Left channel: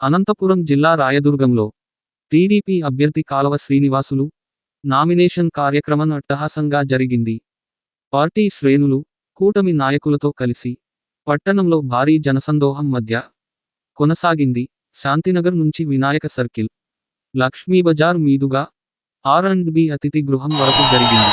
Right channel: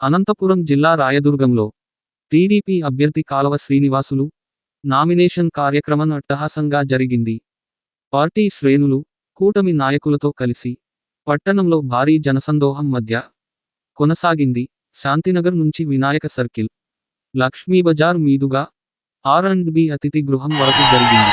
అనంతపురం జిల్లా రాయదుర్గంలో టీడీపీ అభ్యర్థి కాలవ శ్రీనివాసులు నామినేషన్ కార్యక్రమం అట్టహాసంగా జరిగింది. పార్టీ శ్రేణులు కూటమి నాయకులతో కలిసి పట్టణంలో భారీ జనసందోహం మధ్య కొనసాగింది. శాంతినగర్ నుంచి వినాయక సర్కిల్ లక్ష్మీ బజార్ మీదుగా ఆర్ అండ్ బి అతిథి గృహం వరకు జరిగింది.